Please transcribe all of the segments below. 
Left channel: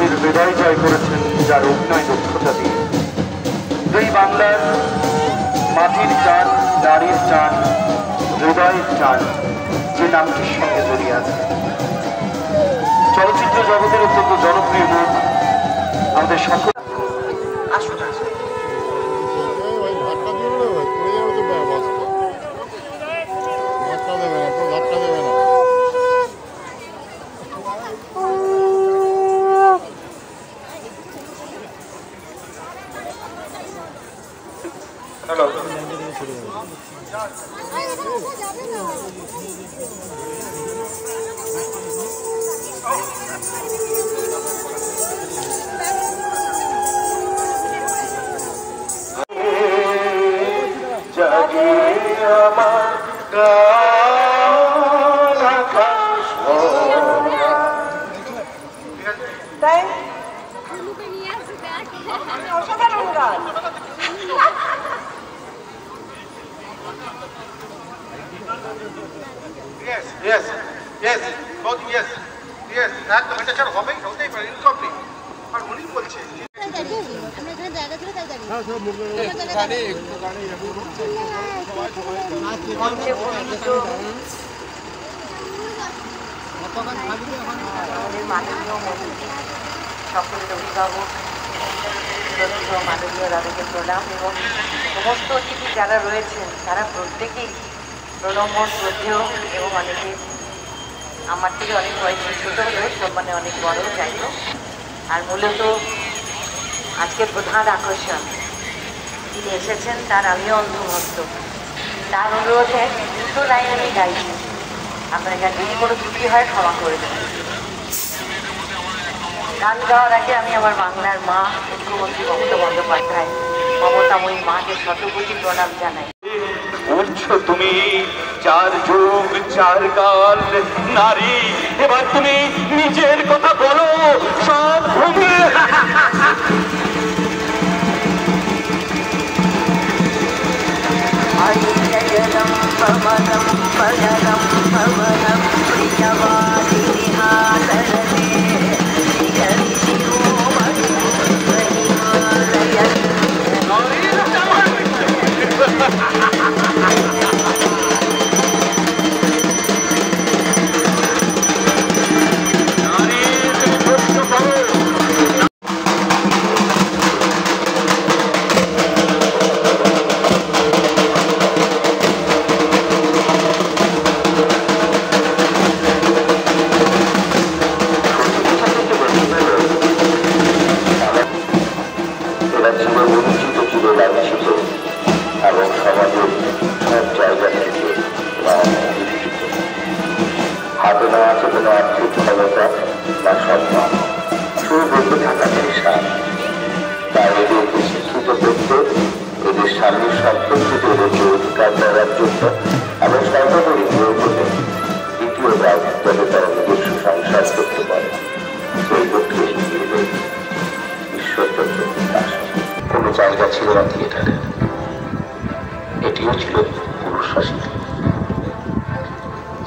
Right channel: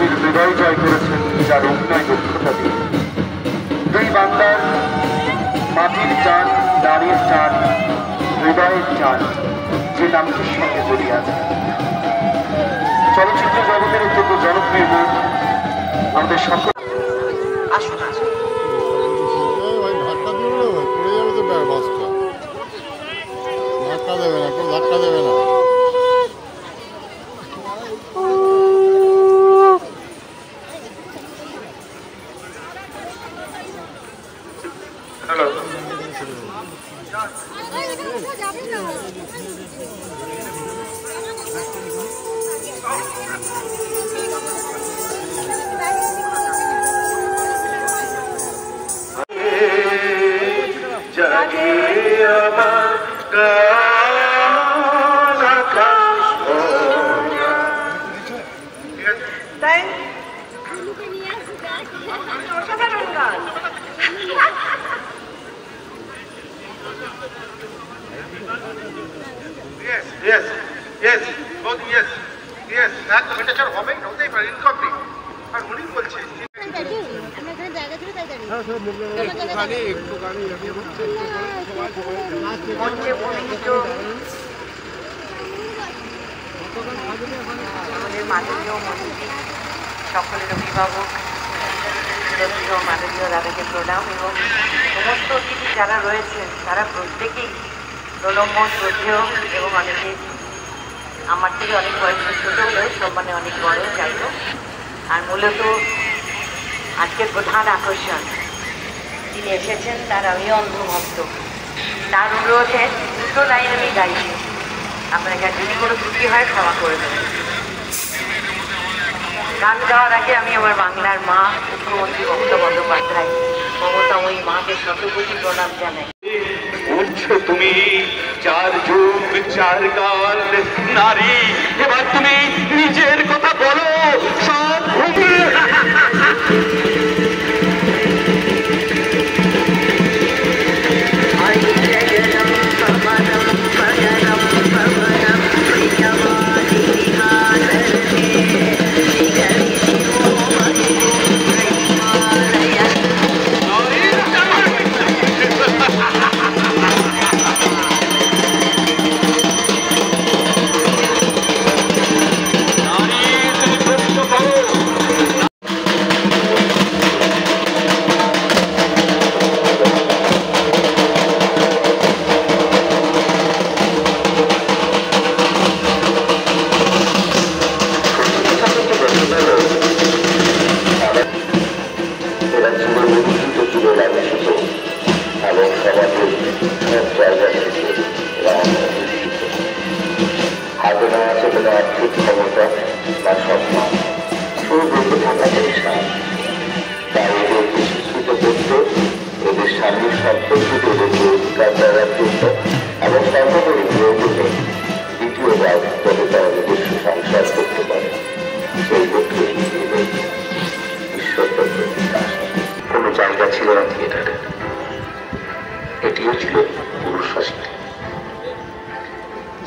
মানুষের হৃদয় জয় করেছেন যার অভিনয় দক্ষতা দিয়ে। যেই বাংলার মাটির টান, নারীর টান, হৃদয়ের টান যে নামটির সঙ্গে জড়িয়ে আছে। চলচ্চিত্র জগতের অত্যন্ত জনপ্রিয় নাম আমাদের সকল। Yes, yes, both yes, yes. That the better job হবে ওটাই পারে ইনকমপ্লিট আর উনি বলছে আমরা এখানে জায়গা ছিল তাই দাঁড়িয়ে আমাদের মাননীয় মন্ত্রী সকলের অভিভাবক শ্রদ্ধেয় মাননীয় দাদাকে প্রণাম এবং সমস্ত অতিথি যারা রয়েছেন তারা প্রত্যেকেই প্রণম্য শ্রদ্ধেয় এবং অনেকে আমার থেকে অনেক বয়সে ছোটো হলেও সম্মানে অনেক বড় যাই হোক। আর মূলত আজকের প্রধান আকর্ষণ তিনি এসেছেন তার আমিও অন্ধভক্ত, তার অনুরোধে দুটো লাইন আমি গাইছি, আপনাকে যদি কোনো ত্রুটি হয় ক্ষমা করে দেবেন। গান গাওয়ার আগে আমি আমার বাংলার মা মুখ্যমন্ত্রী মমতা বন্দ্যোপাধ্যায় মমতাময়ী মাকে শতকোটি প্রণাম জানাই। উঠছো তুমি চার যুগ চার কাল নারী, এবার তুমি নিজের কথা বলো সব ভূমি। হাতে না আছে কোনো আর্থিক ক্ষমতা বা সম্মান, সুবন্ধু থাকা পেশান। তাই এদের বিশেষিত করতে এদের স্বামীর সম্পর্কিত এদেরকে অধিকার দেওয়ার জন্য এবং সর্বোপরি প্রয়োজনে দ্বিতীয়বার যাতে তারা নিজস্ব সংসার করতে পারে সেই লক্ষ্যে ঈশ্বরচন্দ্র দাস। কোনো জায়গা ছিল না থিয়েটারে, এটিও ছিল পুরুষ শাসিত।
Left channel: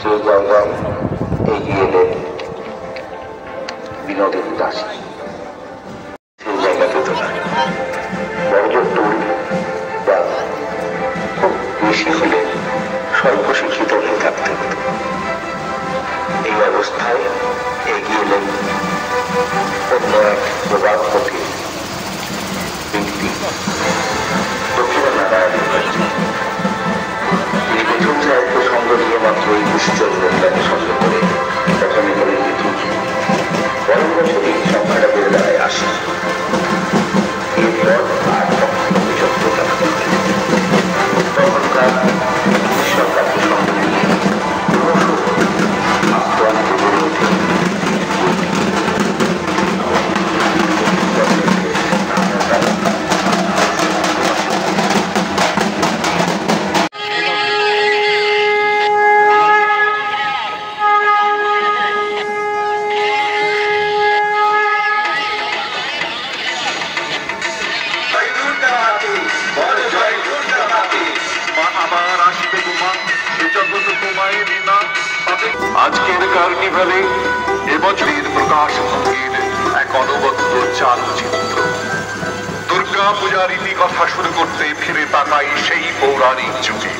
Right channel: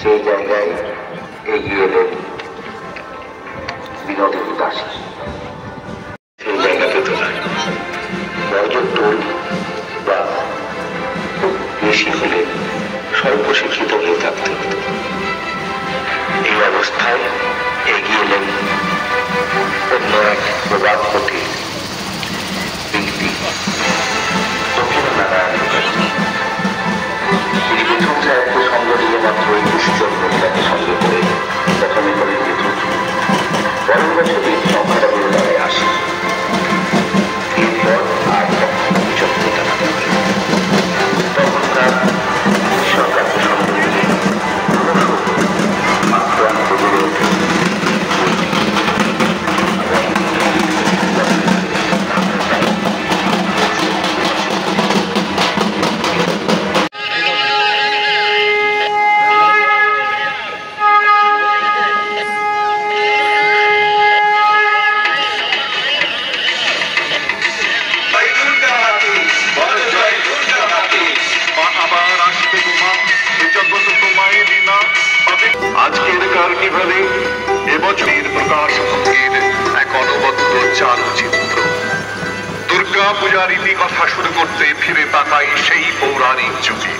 সেই জায়গায় এগিয়ে এলেন বিনোদিনী দাসী। সেই জায়গা পেত না, বড়জোর দূর বা খুব বেশি হলে স্বল্প শিক্ষিত হয়ে থাকতে হতো। এই অবস্থায় এগিয়ে এলেন অন্য এক প্রবাদপতি ব্যক্তি দক্ষিণারায়ণ। তিনি প্রথম সাহিত্য সঙ্গ নিয়ে মাত্র 21 জন মহিলাকে সঙ্গে করে প্রথমে করেন নেতৃত্ব। পরের বছরই সংখ্যাটা বেড়ে দাঁড়ায় 80। এরপর আর তখন তার সরকারকে সঙ্গে নিয়ে আক্রান্ত বেড়ে ওঠে। আজকের কার্নিভালে এবছরের প্রকাশ এক অনবদ্য চালচিত্র। দুর্গা পূজার ইতিকথা শুরু করতে ফিরে তাকাই সেই পৌরাণিক যুগে।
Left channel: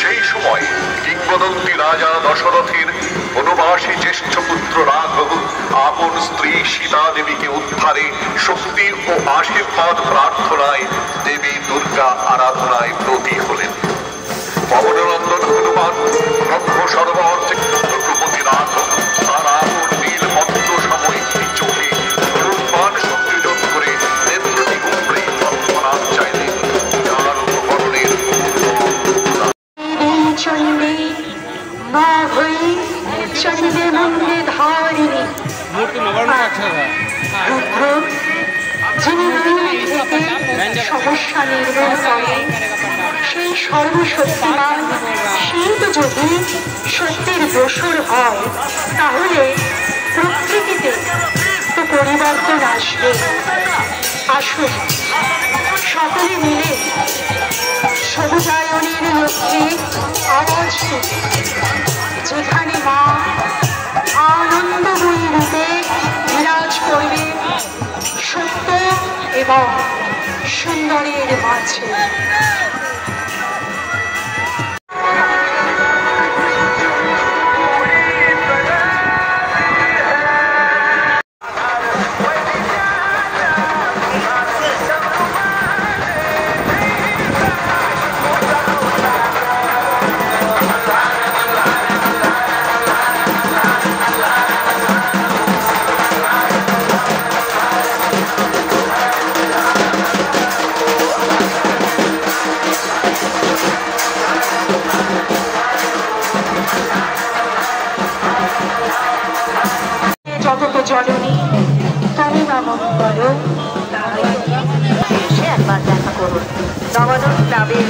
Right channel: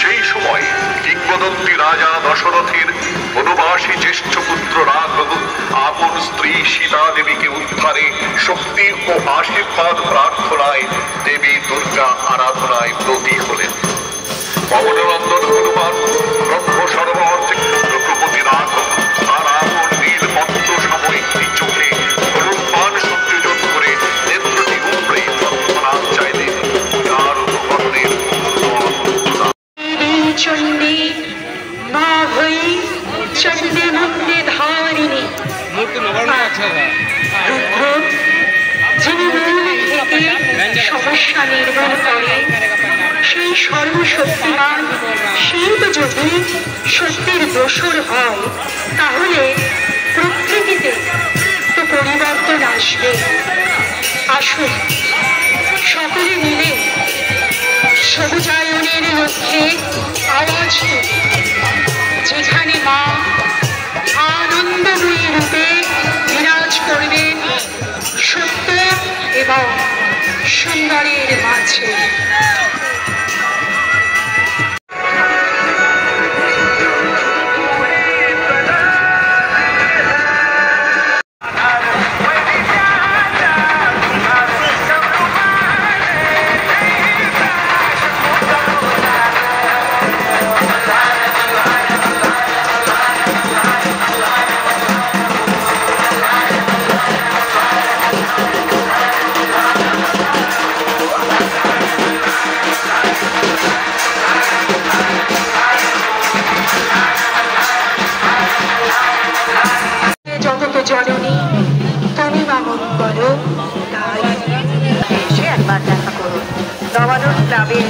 সেই সময় কিংবদন্তি রাজা দশরথের বনবাসী জ্যেষ্ঠ পুত্র রাঘব আপন স্ত্রী সীতা দেবীকে উদ্ধারে শক্তি ও আশীর্বাদ প্রার্থনায় দেবী দুর্গা আরাধনায় ব্রতী হলেন। পবননন্দন হনুমান ব্রহ্ম সরোবর থেকে রঘুপতি রাঘব তার আপন নীল মন্ত্র সম একটি চোখে হনুমান সংযোজন করে নেত্রী মুদ্রে তৎক্ষণাৎ চাইলেন পূজার উপকরণের চণ্ডী মা হই চণ্ডী মন্দির ধারিণী যিনি সমস্যা নির্মূল করে সেই সর্বশক্তিমান শিল্প যদি শক্তির দোসর হয় তাহলে প্রকৃতিতে তো পরিবর্তন আসবে। আসুন সকলে মিলে সবুজায়নের লক্ষ্যে আওয়াজ তুলি, যেখানে মা আনন্দময়ী রূপে বিরাজ করবেন সত্য এবং সুন্দরের মাঝে। জগত জননী তুমি মামনি বলো। এসে একবার দেখা করবে নবানন ক্লাবের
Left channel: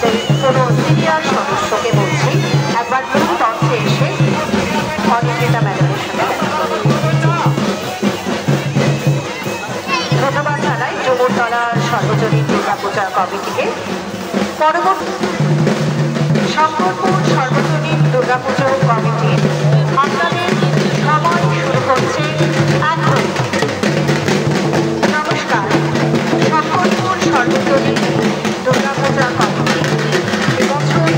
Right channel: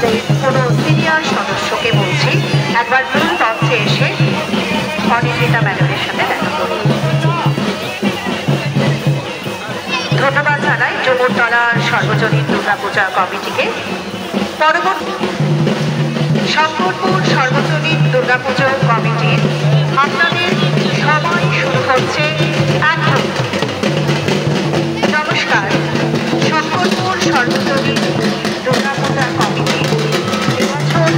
যে কোনো সিনিয়র সদস্যকে বলছি একবার মূল মঞ্চে এসে অনিন্দিতা ম্যাডামের সাথে দেখা করবে। ধন্যবাদ জানাই যমুনতলা সর্বজনীন দুর্গাপূজা কমিটিকে। পরবর্তী শঙ্করপুর সর্বজনীন দুর্গাপুজো কমিটি আপনাদের সময় শুরু হচ্ছে এখন। নমস্কার, শঙ্করপুর সর্বজনীন দুর্গাপূজা কমিটি এবছর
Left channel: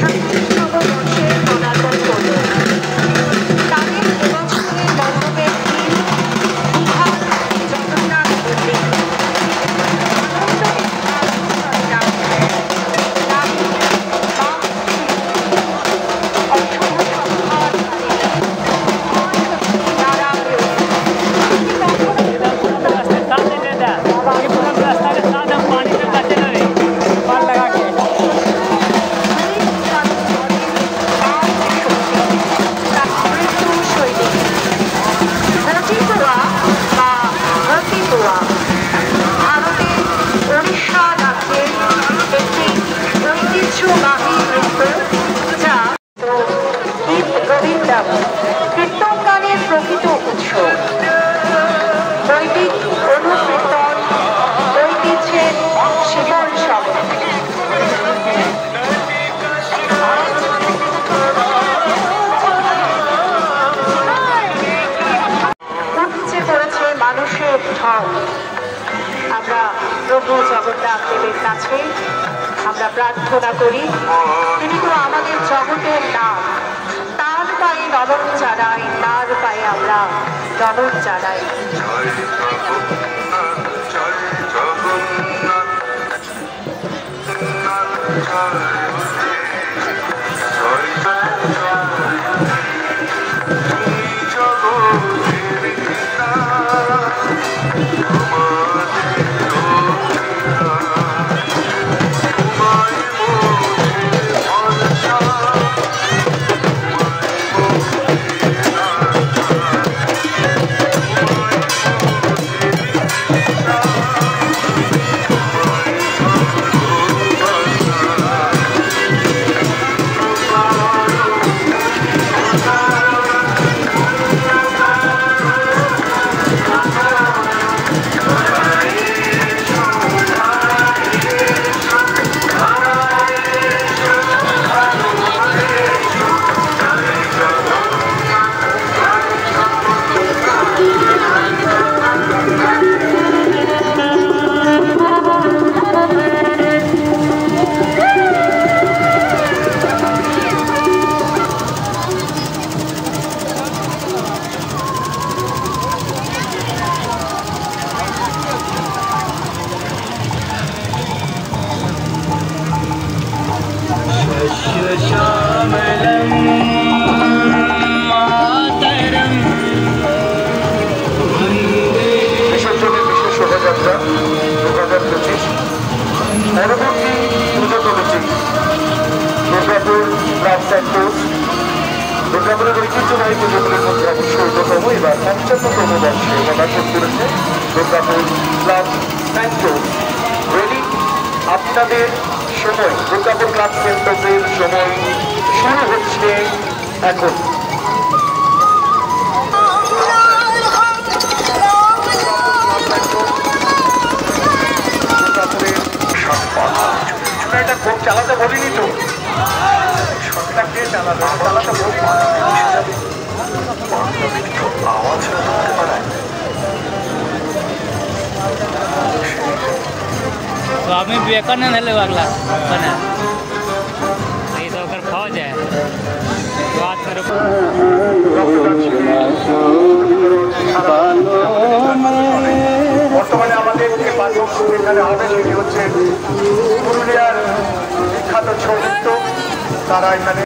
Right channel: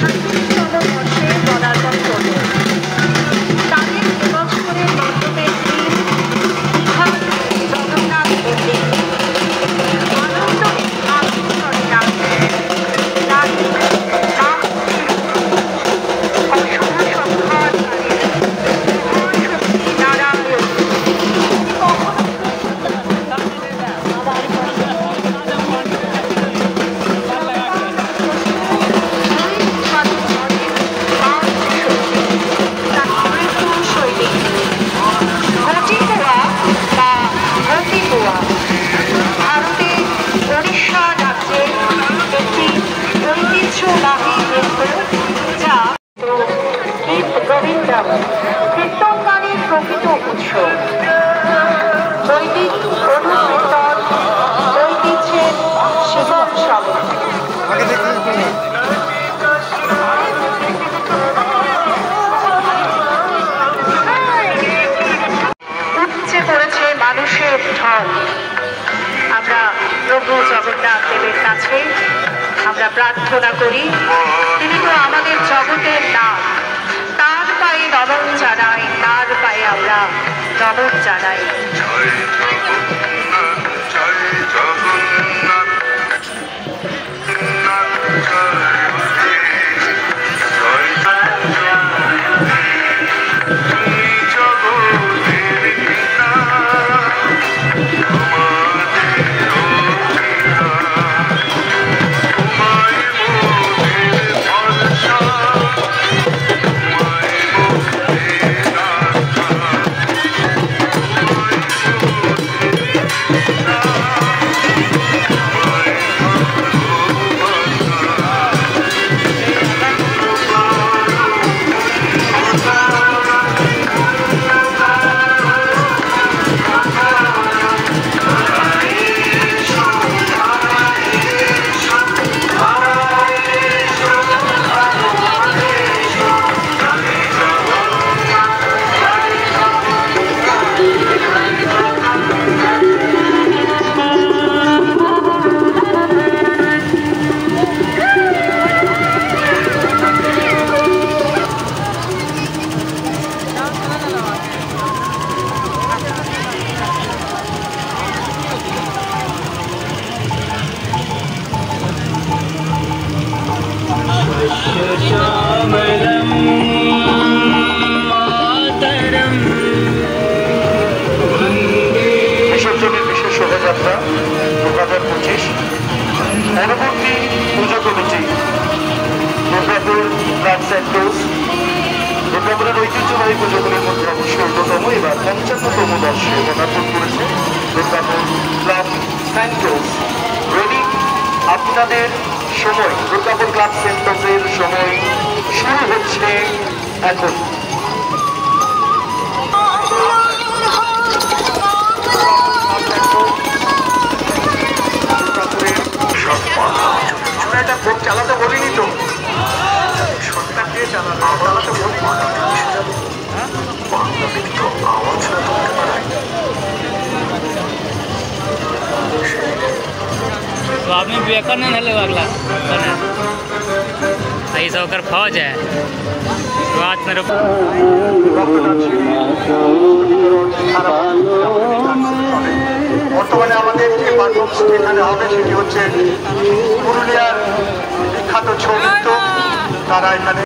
36তম বর্ষে পদার্পণ করল। তাদের এবছরের মণ্ডপের জগন্নাথ মন্দির কীর্তন গানের প্রকৃত উৎস। বৈদিক অনুকীর্তন ঐতিহ্যের শিকড় সবে। উপচে পড়েছে মানুষের ঢল। আমরা প্রভু জগন্নাথ দেবের কাছে আমরা প্রার্থনা করি, তিনি তো আমাদের জগতের নাথ। তার পায়ে নমন জানাই, তার পায়ে আমরা নমন জানাই। এই পুজোগুলির মধ্যে অবশ্যতম এবার ৫৫তম বর্ষে পদার্পণ করেছে দুর্গাপুর ক্লাব স্যান্টোস। রেডি, আপনাদের সময় দুর্গাপুর ক্লাব সেন্টোসের সময় শুরু হচ্ছে এখন। আমরা এটা খুব চালাতে বলিনি তো, সবটাকে চালাতে বলিনি। स्वामी विवेकानंद है अगला बना ऐसा होकर फौज है रात में বর্তমানে আমাদের যে পারফরমেন্স এখানে হবে সেটি হচ্ছে পুরুলিয়ার বিখ্যাত ছৌ নৃত্য। তারা এখানে